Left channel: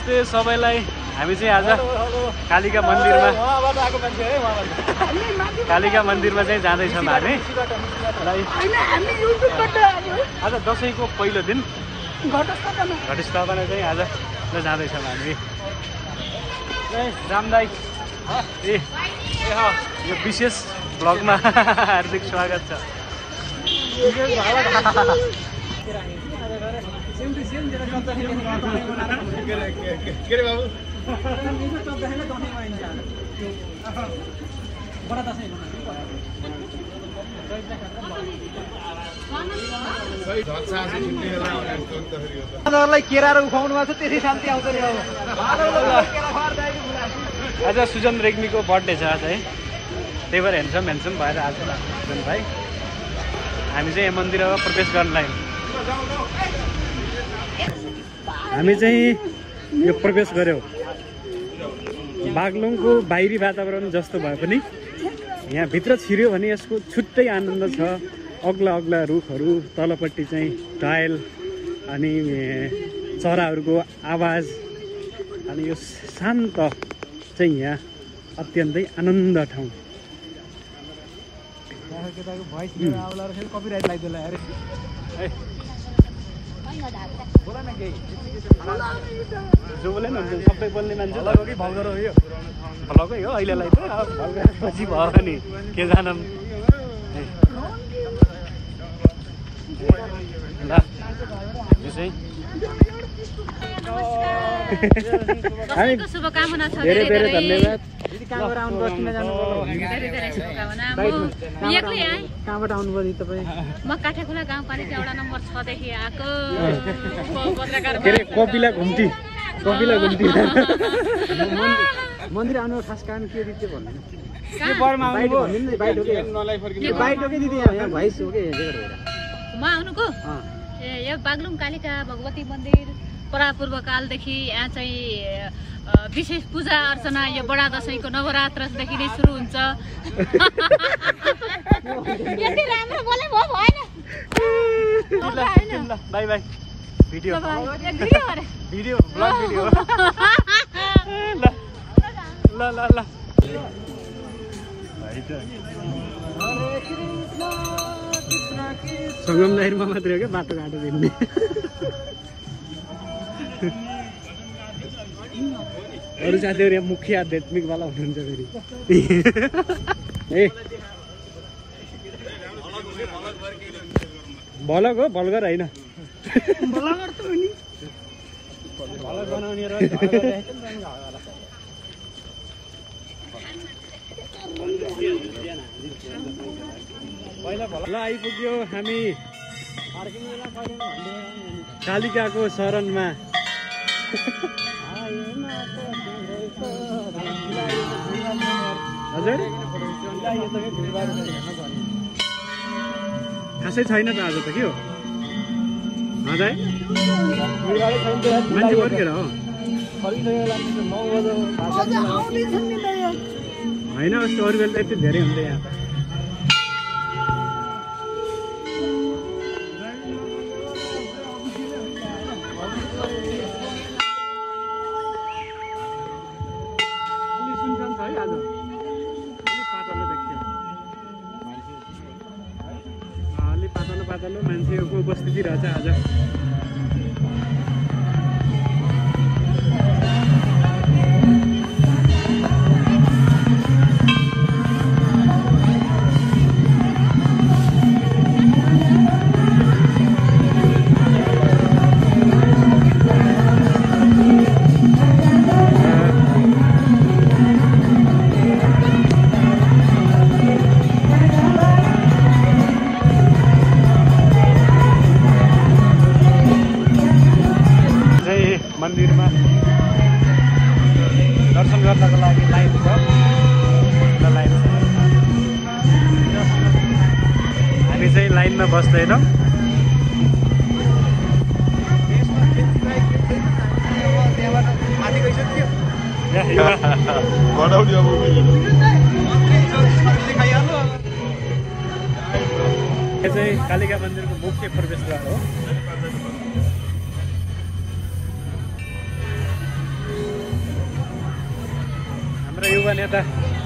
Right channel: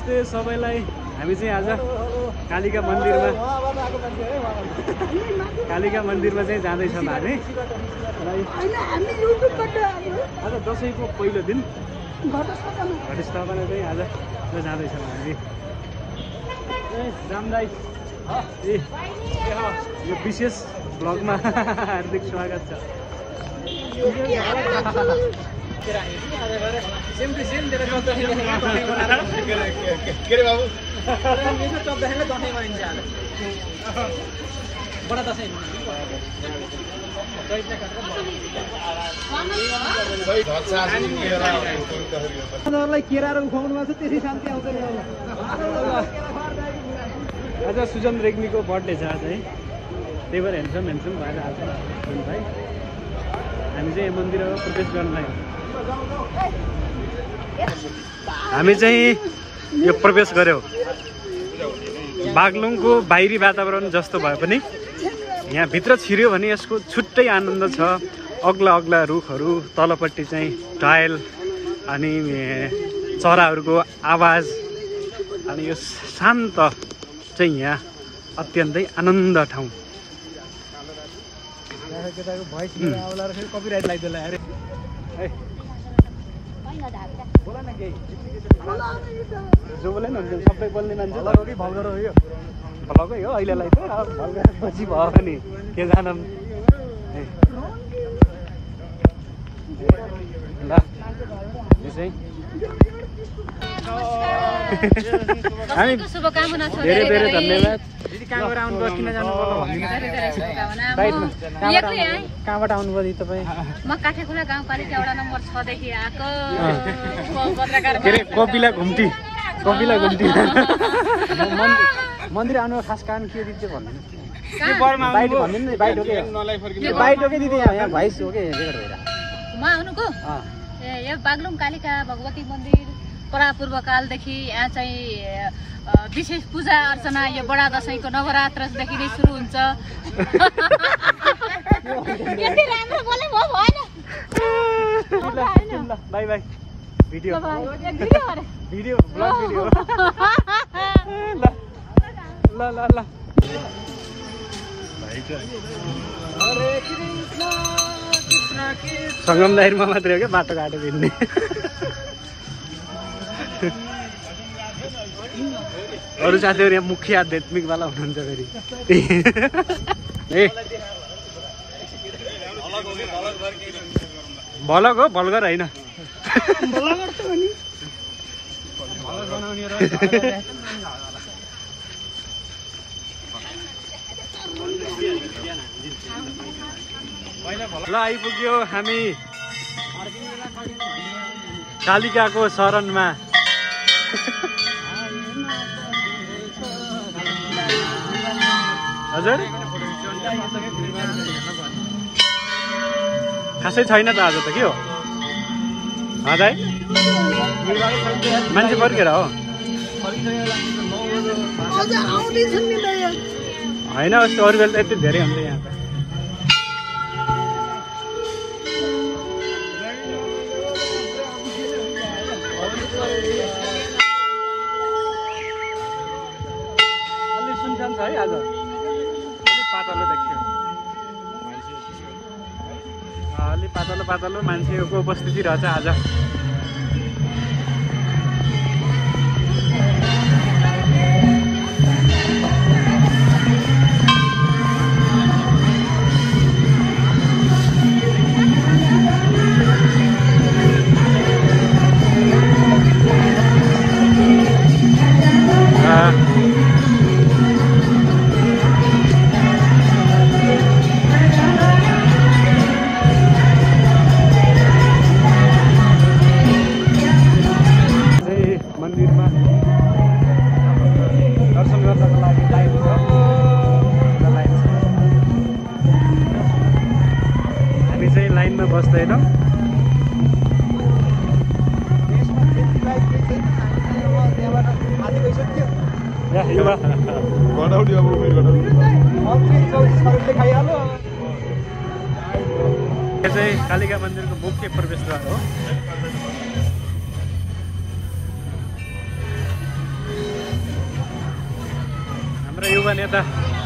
नमस्ते सबैलाई। हामी चाहिँ आज कालिका मन्दिरमा चाहिँ जाँदैछौँ हामी। आज दसैँको पहिलो दिन घटस्थापना चाहिँ आज जाँदैछौँ हामी। रामदाई यो विशेष ब्लगमा हार्दिक स्वागत छ। केरा उठाउनु भएको छ त्यसै शान्ति आउँदैन। आज सुजन रेग्मीको बर्थडे छ आज है, त्यही भएर हेन्सम भएर आज सुजन भाइ हामी चाहिँ मन्दिरमा प्रवेश गर्न लाग्यौँ। हामी चाहिँ यो प्रवेश गऱ्यौँ। बागलुङको बाहिरी वातावरण जस्तो भए पनि यहाँ भित्र छिर्यो भने यसको छुट्टै आनन्द छ। अग्ला अग्ला रुखहरू, तलपट्टि चाहिँ टायल, अनि चराहरूको आवाज, अनि यो शान्त चाहिँ यहाँ अत्यन्तै आनन्द ठाउँ। कपिराइट लाग्दैन अरे जो बोले न सबै बोल्ने मान्छे कि भलगर हो यो भलकै हो अहिलेलाई त भलगर पछि भयो नि के जानौँ। ल चाहिँ दसैँको शुभकामना छ। धेरै धेरै धन्यवाद। कहाँबाट आउनुभयो, किन जानुभयो? कहाँबाट आउनुभयो तपाईँ? म काठेकुना गाउँपालिका वडा नम्बर 6 देखि आएको पत्रकार। कपिला घुम्ती मन्दिर आउनु खास कारण के दिन्छ भन्दैन? बाइट भन्दैन नि, बाइट हो कि बाइट हो कि दिदी? यहाँ भाइस हो कि रेकर्ड भइरहेको म आउनुको यो बागलुङ कालिका भगवती मन्दिर परापूर्वकालदेखि यहाँ चाहिँ विशेष पूजा अर्चना यो बडा दसैँको नवरात्रदेखि नै सुरु हुन्छ। बाई बाई भिडियो ल ल ल सङ्गम दाइरमा मात्रै हो क्या बाटो घाटो हिँड्ने। अरू साथीहरू यहाँ मुख्य आध्यात्मिकवाला हुनुहुन्छ फेरि। ए भलग हो, भलगर होइन। ल आइपुग्यो हामी कालिकाको शरणमा। हजुर खासै छैन त आज त के हो हजुर? मान्छे फर्केर हो होइन? यस्तो अरू बेला त यति धेरै हुन्छ यहाँ। अलि सुनसान छ है आज, अलि पातलो देखियो। अलि पातलो मान्छेको उपस्थिति रहेछ आज। मन्दिरमा दर्शन गर्नको लागि लाइन छ। हामी चाहिँ लाइनमा बस्दैनौँ। चाहिँ कालिका मन्दिरको मुख्य प्रवेशद्वार हो। युवा नेता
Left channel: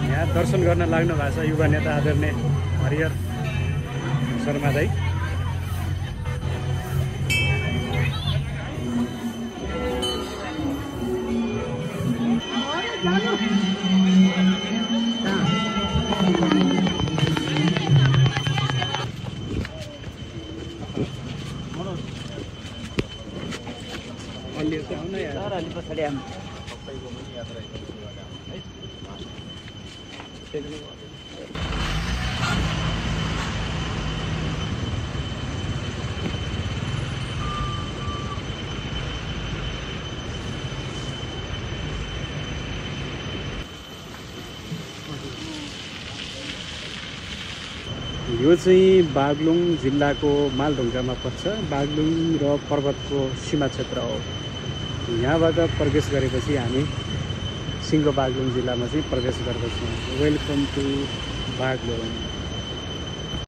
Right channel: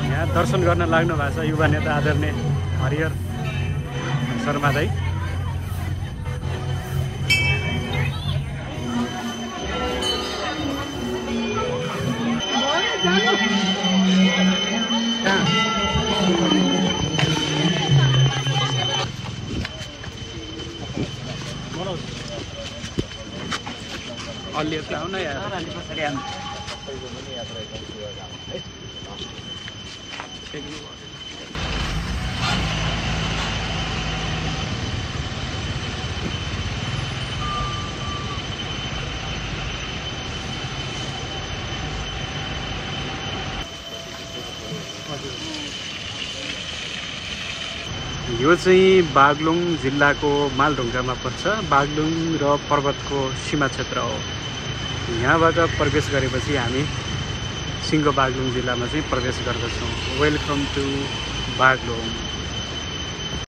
यहाँ दर्शन गर्न लाग्नु भएको छ। युवा नेता आदरणीय हरिहर शर्मा दाई। यो चाहिँ बागलुङ जिल्लाको मालढुङ्गामा पर्छ। बागलुङ र पर्वतको सीमा क्षेत्र हो। यहाँबाट प्रवेश गरेपछि हामी सिङ्गो बागलुङ जिल्लामा चाहिँ प्रवेश गर्दछौँ। Welcome to Baglung.